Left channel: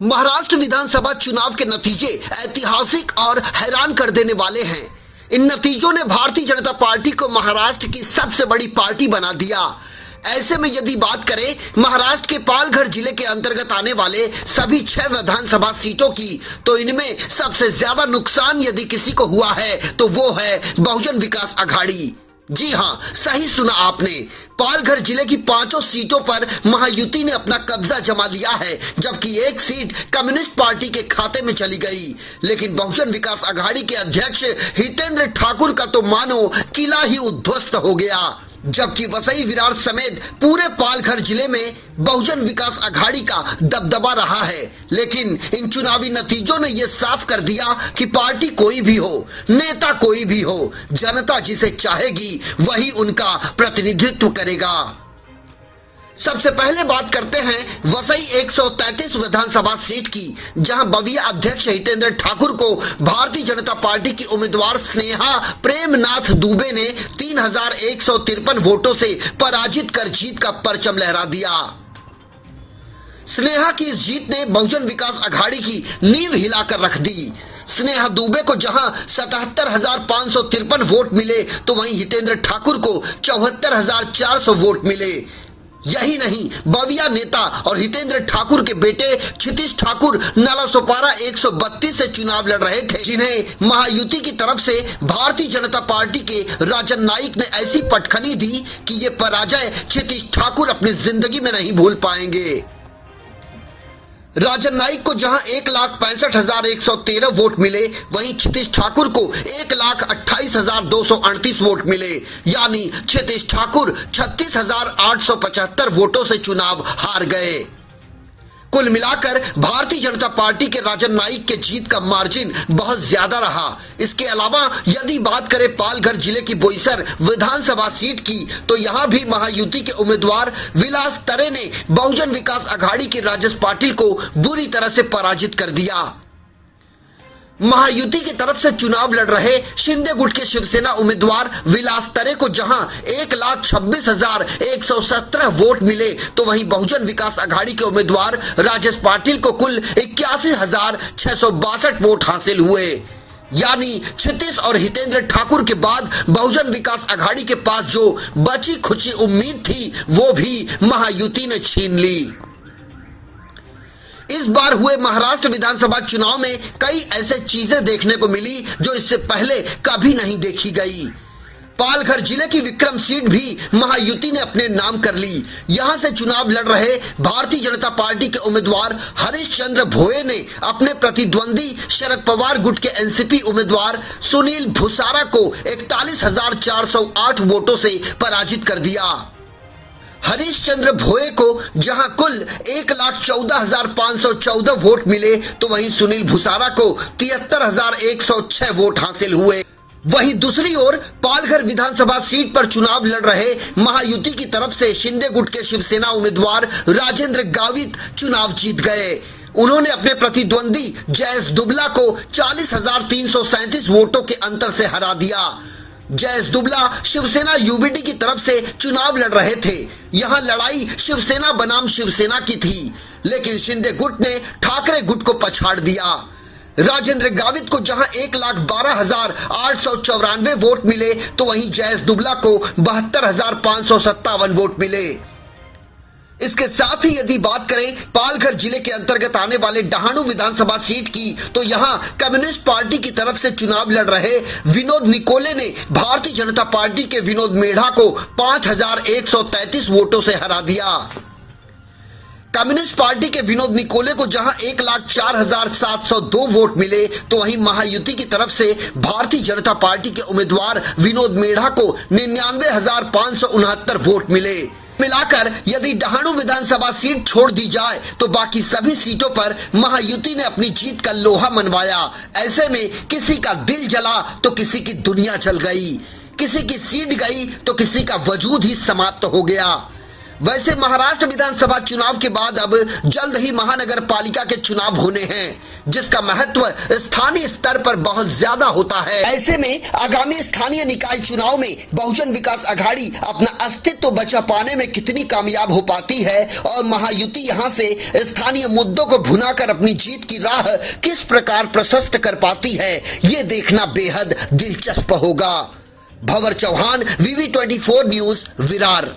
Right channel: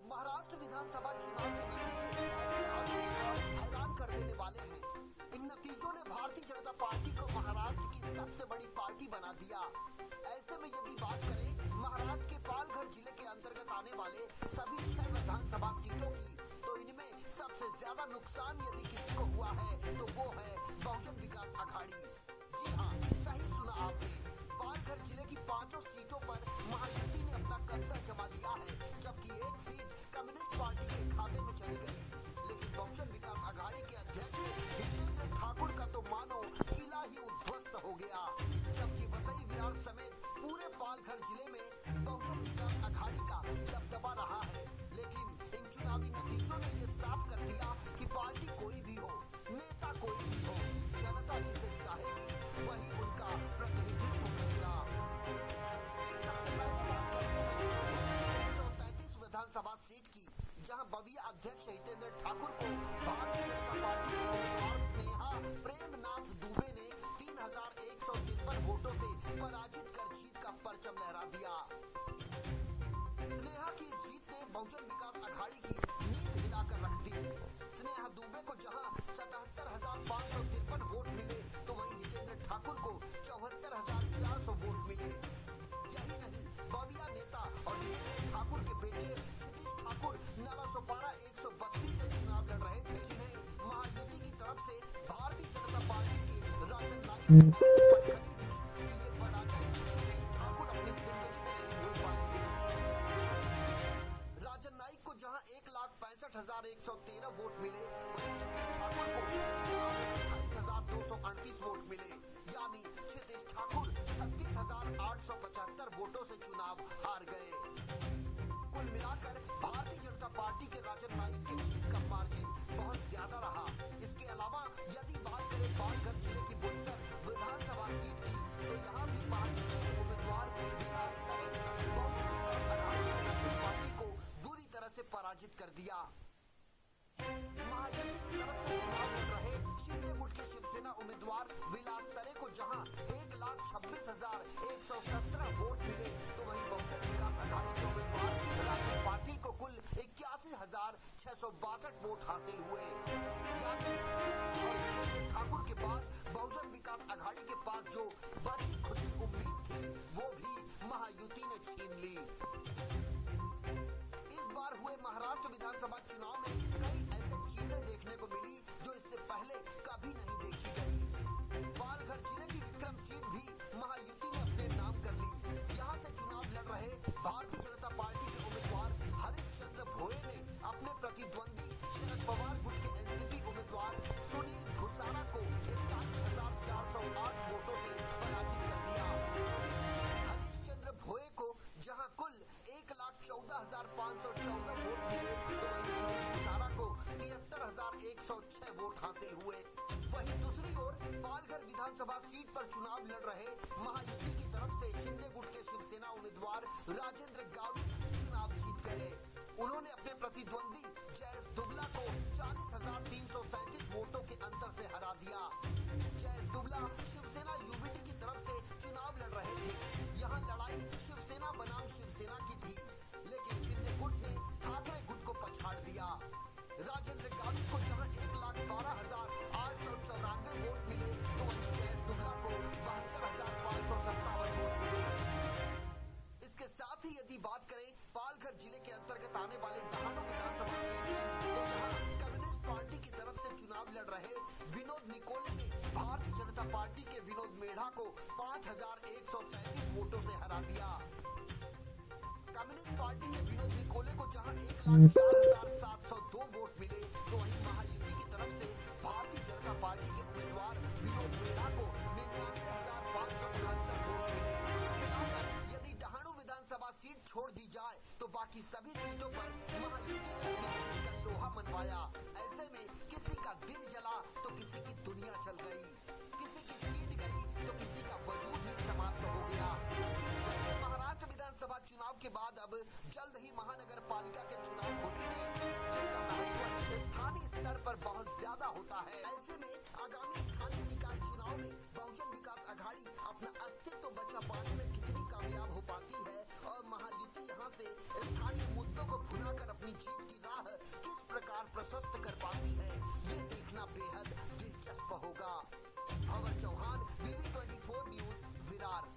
महाराष्ट्र विधानसभा चुनाव के नतीजे ऐतिहासिक और हैरान कर देने वाले हैं। इन नतीजों ने भारतीय जनता पार्टी को महाराष्ट्र की सबसे बड़ी पार्टी बना दिया। ऐसे में यदि बात करें महाराष्ट्र के पालघर जिले के अंतर्गत आने वाले सभी 6 विधानसभा सीटों की, तो इनमें सबसे ज्यादा नुकसान यदि किसी को हुआ है तो वो है बहुजन विकास आघाड़ी। जी हां, सही सुना आपने। पालघर जिले की 5 सीटों पर महायुति ने अपना कब्जा जमा लिया है, जबकि एक सीट कम्युनिस्ट पार्टी के खाते में चली गई। लेकिन बहुजन विकास आघाड़ी के अध्यक्ष हितेंद्र ठाकुर का तो मानो किला ही उद्ध्वस्त हो गया। जबकि वसई विरार समेत पूरे पालघर जिले में बहुजन विकास आघाड़ी का दबदबा रहा है। लेकिन इन चुनावी नतीजों ने यह साफ कर दिया कि पार्टी कोई भी हो, नेता कोई भी हो, जनता जिसे चाहेगी वही उनका प्रतिनिधित्व करेगा। सबसे पहले बात करते हैं वसई 133 विधानसभा सीट की, जहां बविया अध्यक्ष हितेंद्र ठाकुर को भारतीय जनता पार्टी की उम्मीदवार स्नेहा प्रेमनाथ दुबे ने 3153 वोटों से पराजित कर जीत का परचम लहरा दिया। स्नेहा की इस जीत ने बहुजन विकास आघाड़ी की नींव हिलाकर रख दी। स्नेहा दुबे को जहां 77,553 वोट मिले, तो वहीं हितेंद्र ठाकुर को 74,400 वोट मिले। यही नहीं, बविया नेता और हितेंद्र ठाकुर के बेटे क्षितिज ठाकुर नालासोपारा 132 से चुनाव लड़ रहे थे, जिन्हें महायुति की तरफ से भारतीय जनता पार्टी के राजन नाइक ने ऐसी पटखनी दी कि ये पराजय क्षितिज ठाकुर अपनी जिंदगी में नहीं भूल पाएंगे। राजन नाइक को जहां 1,65,113 वोट मिले, वहीं क्षितिज ठाकुर को 1,28,238 वोट मिले। यानी क्षितिज ठाकुर 36,875 वोटों से चुनाव हार गए। कुल मिलाकर भारतीय जनता पार्टी के राजन नाइक के जीत का मार्जिन बहुत ज्यादा रहा। इसके अलावा यदि बात करें पालघर जिले की बोईसर विधानसभा सीट की, तो यहां भी महायुति के उम्मीदवार विलास तरे ने बहुजन विकास आघाड़ी के राजेश पाटिल को बुरी तरह से पराजित कर दिया। महायुति की तरफ से चुनाव लड़ रहे शिंदे गुट के शिवसेना उम्मीदवार विलास तरे को जहां 1,26,117 वोट मिले, तो वहीं बहुजन विकास आघाड़ी के उम्मीदवार राजेश पाटिल को कुल 81,662 वोट हासिल हुए। यानी क्षितिज और हितेंद्र ठाकुर के बाद बहुजन विकास आघाड़ी के पास जो बची खुची उम्मीद थी, वो भी महायुति ने छीन ली। इस बार हुए महाराष्ट्र विधानसभा चुनाव में कई ऐसे चीजें देखने को मिली जो इससे पहले कभी नहीं देखी गई। पालघर जिले की विक्रम सीट भी महायुति ने अपने नाम कर ली। यहां से चुनाव लड़ रहे भारतीय जनता पार्टी के उम्मीदवार हरीशचंद्र भोये ने अपने प्रतिद्वंदी शरद पवार गुट के एनसीपी उम्मीदवार सुनील भुसारा को 41,408 वोटों से पराजित कर दिया। हरीशचंद्र भोये को जहां कुल 1,14,514 वोट मिले, तो वहीं सुनील भुसारा को 73,106 वोट हासिल हुए। वहीं दूसरी ओर पालघर विधानसभा सीट पर चुनाव लड़ रहे महायुति की तरफ से शिंदे गुट के शिवसेना उम्मीदवार राजेंद्र गावित चुनाव जीत गए। उन्होंने अपने प्रतिद्वंदी जयेश दुबला को 40,337 वोटों के अंतर से हरा दिया। जयेश दुबला शिवसेना यूबीडी की तरफ से चुनाव लड़ रहे थे। यहां लड़ाई शिवसेना बनाम शिवसेना की थी, लेकिन शिंदे गुट ने ठाकरे गुट को पछाड़ दिया। राजेंद्र गावित को जहां 1,12,894 वोट मिले, तो वहीं जयेश दुबला को 72,557 वोट मिले। इसके साथ ही यदि बात करें पालघर जिले के अंतर्गत आने वाले डहाणु विधानसभा सीट की, तो यहां कम्युनिस्ट पार्टी की तरफ से चुनाव लड़ रहे विनोद निकोले ने भारतीय जनता पार्टी के विनोद मेढ़ा को 5,133 वोटों से हरा दिया। कम्युनिस्ट पार्टी के विनोद निकोले को जहां 1,04,702 वोट मिले, तो वहीं महायुति की तरफ से भारतीय जनता पार्टी के उम्मीदवार विनोद मेढ़ा को 99,569 वोट मिले। मिलाकर यदि डहाणु विधानसभा सीट छोड़ दी जाए, तो बाकी सभी सीटों पर महायुति ने अपनी जीत का लोहा मनवाया। ऐसे में किसी का दिल जला तो किसी की दुनिया जल गई, किसी की सीट गई तो किसी का वजूद ही समाप्त हो गया। वैसे महाराष्ट्र विधानसभा चुनाव के बाद अब जल्द ही महानगर पालिका के चुनाव होने हैं। जिसका महत्व स्थानीय स्तर पर बहुत ज्यादा होता है। ऐसे में आगामी स्थानीय निकाय चुनाव में बहुजन विकास आघाड़ी अपना अस्तित्व बचा पाने में कितनी कामयाब हो पाती है और महायुति यहां से स्थानीय मुद्दों को भुनाकर अपनी जीत की राह किस प्रकार प्रशस्त कर पाती है, ये देखना बेहद दिलचस्प होगा। भंवर चौहान, VV24 न्यूज, विरार।